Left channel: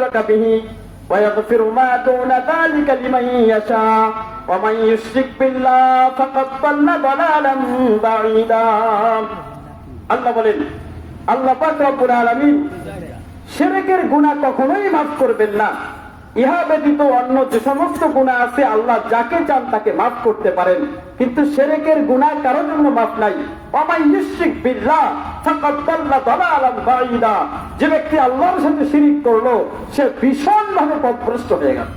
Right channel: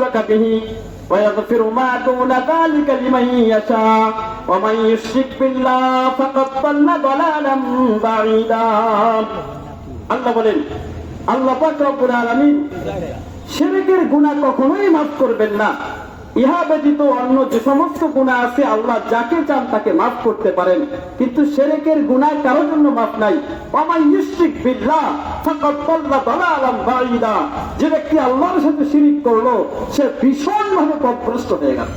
ইউশরাকা বিহি ওয়া ইয়াগফিরু মা দুনা যালিকা লিমান ইয়াশা ওয়া মান ইউশরিক বিল্লাহি ফাকাদ দাল্লা দালালান বাঈদা। আল্লাহ বলেন, আল্লাহ পাক রব্বুল আলামিন শিরকের গুনাহ কখনোই মাফ করবেন না। ইহা ব্যতীত অন্য যে সমস্ত গুনাহ আছে আল্লাহ যাকে চান তাকে মাফ করতে পারেন, কিন্তু শিরকের গুনাহ কারোর জন্য মাফ নাই। ওয়া মান ইউশরিক বিল্লাহি ফাকাদ দাল্লা দালালান বাঈদা। যে ব্যক্তি আল্লাহর সাথে শিরক করলো সে ভীষণভাবে পথভ্রষ্ট হয়ে গেল।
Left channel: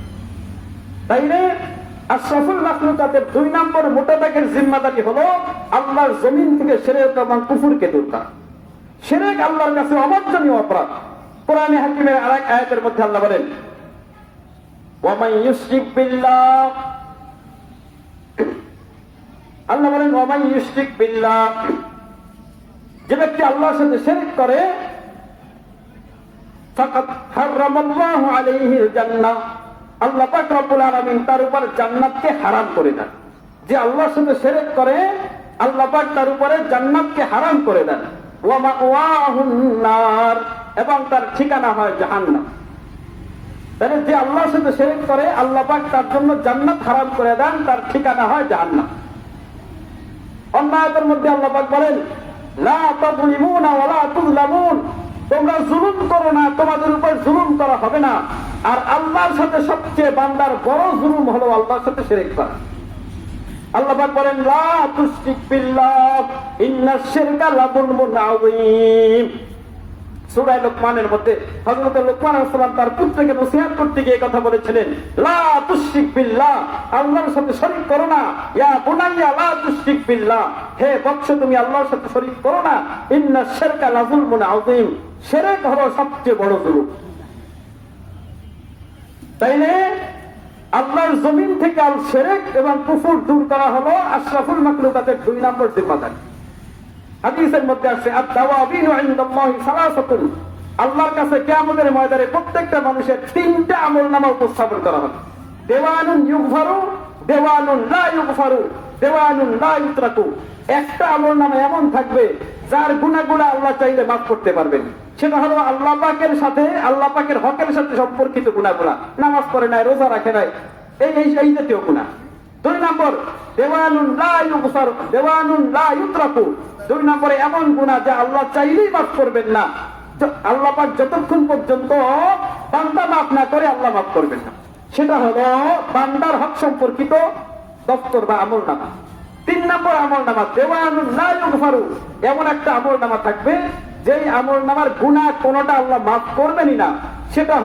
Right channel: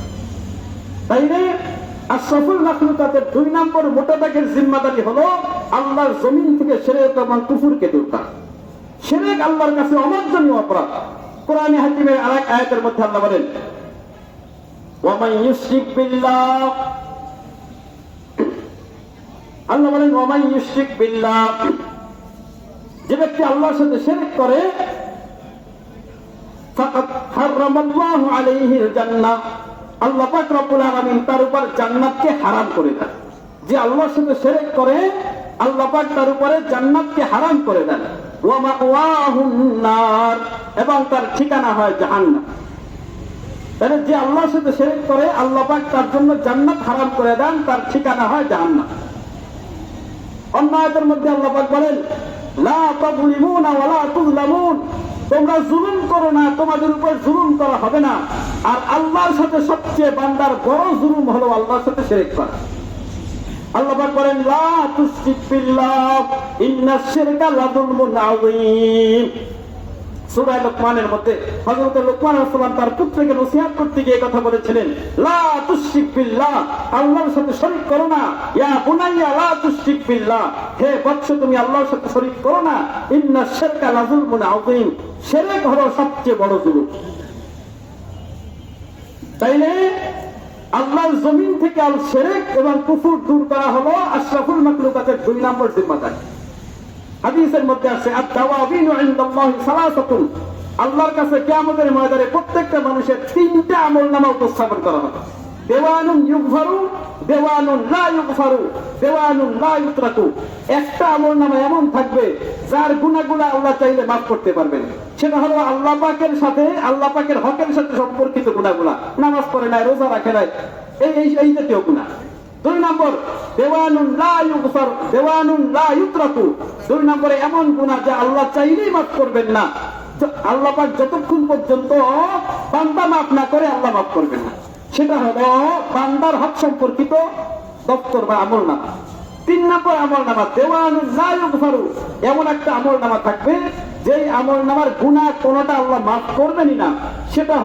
তাইলে আশরাফুল মাখলুকাতের 2 নম্বর মোটাবেকের জিম্মাদারি হলো আল্লাহর জমিন থেকে শিরক এবং কুফরকে দূর করা। শিরক আল্লাহর কাছে অমার্জনীয় অপরাধ। কোরআনে হাকিমের আরেক আয়াতের মধ্যে আল্লাহ বলেন, ওয়া মান ইউশরিক বিল্লাহ, আল্লাহ বলেন ওয়া মান ইউশরিক বিল্লাহ, যে ব্যক্তি আল্লাহর সাথে শিরক করে ফাকাদ হারামাল্লাহু আলাইহিল জান্নাহ, আল্লাহ পাক রব্বুল আলামিন তার উপর জান্নাতকে হারাম করে দেন। যে আল্লাহর সাথে শিরক করে আল্লাহ পাক তার উপরে জান্নাতকে হারাম করে দেন। ওয়া মাওয়াহুন নার, এবং তার ঠিকানা হয় জাহান্নাম। তাহলে যে আল্লাহর সাথে শিরক করে আল্লাহ পাক তার জন্য জান্নাত হারাম করে দেন, তার ঠিকানা হয় জাহান্নাম। অন্য আয়াতের মধ্যে আল্লাহ পাক বলেন, লা তাযলিমুনা ওয়া লা তুযলামুন, তোমরা জুলুম করো না, তোমাদের উপর জুলুম করা হবে না। আর আল্লাহর সাথে সবচেয়ে বান্দার বড় জুলুম হলো আল্লাহর সাথে শিরক করা। আল্লাহ পাক বলেন, লা তুশরিক বিল্লাহ ইন্নাশ শিরকা লাযুলমুন আযীম। সূরা লুকমানের মধ্যে হযরত লুকমান আলাইহিস সালাম তার পুত্রকে নসিহত করতে গিয়ে কথা বলেছিলেন, লা তুশরিক বিল্লাহ, আল্লাহর সাথে শরীক করো না। ইয়া বুনাইয়া লা তুশরিক বিল্লাহ, হে বৎস তুমি আল্লাহর সাথে শরীক করো না। ইন্নাশ শিরকা লাযুলমুন আযীম, শিরক হলো সবচেয়ে বড় জুলুম। তাইলে আল্লাহর জমিন থেকে আল শিরক এবং কুফর দূর করা হলো আশরাফুল মাখলুকাতের 2 নম্বর জিম্মাদারি। হাদিসের মধ্যে আছে, আত-তাওয়াবিনু ইনদাল্লাহি সালাসাতুন, আল্লাহর কাছে কিয়ামতের ময়দানে প্রত্যেকটা মানুষের 3টা আমলনামা উপস্থাপন করা হবে। দেওয়ানুন ইউগফারু, দেওয়ানুন লা ইউগফারু, দেওয়ানুন লা ইউতরাকু। একটা আমলনামা এমন থাকবে যার গুনাহগুলো আল্লাহ চাইলে মাফ করতে পারবেন। সেটা হলো আল্লাহ পাকের সাথে, আল্লাহ পাকের হকের সাথে সম্পর্কিত গুনাহগুলো, নামাজ পড়ে নাই, রোজা রাখে নাই, এই জাতীয় গুনাহ। 2 নম্বর দেওয়ানুন লা ইউগফার, দেওয়ানুন লা ইউতরাকু। 2 নম্বরে এমন গুনাহ যা আল্লাহ চাইলেই মাফ করবেন না। আল্লাহ পাক যতক্ষণ পর্যন্ত বান্দা মাফ না করে আল্লাহ মাফ করবেন না। সেটা হলো বান্দার হক সম্পর্কিত দপ্তর বা আমলনামা। 3 নম্বর আমলনামা দেওয়ানুন লা ইউগফারু, এমন একটা আমলনামা থাকবে যেই আমলনামার গুনাহ কোনটা আল্লাহ মাফ করবেনই না। সেটা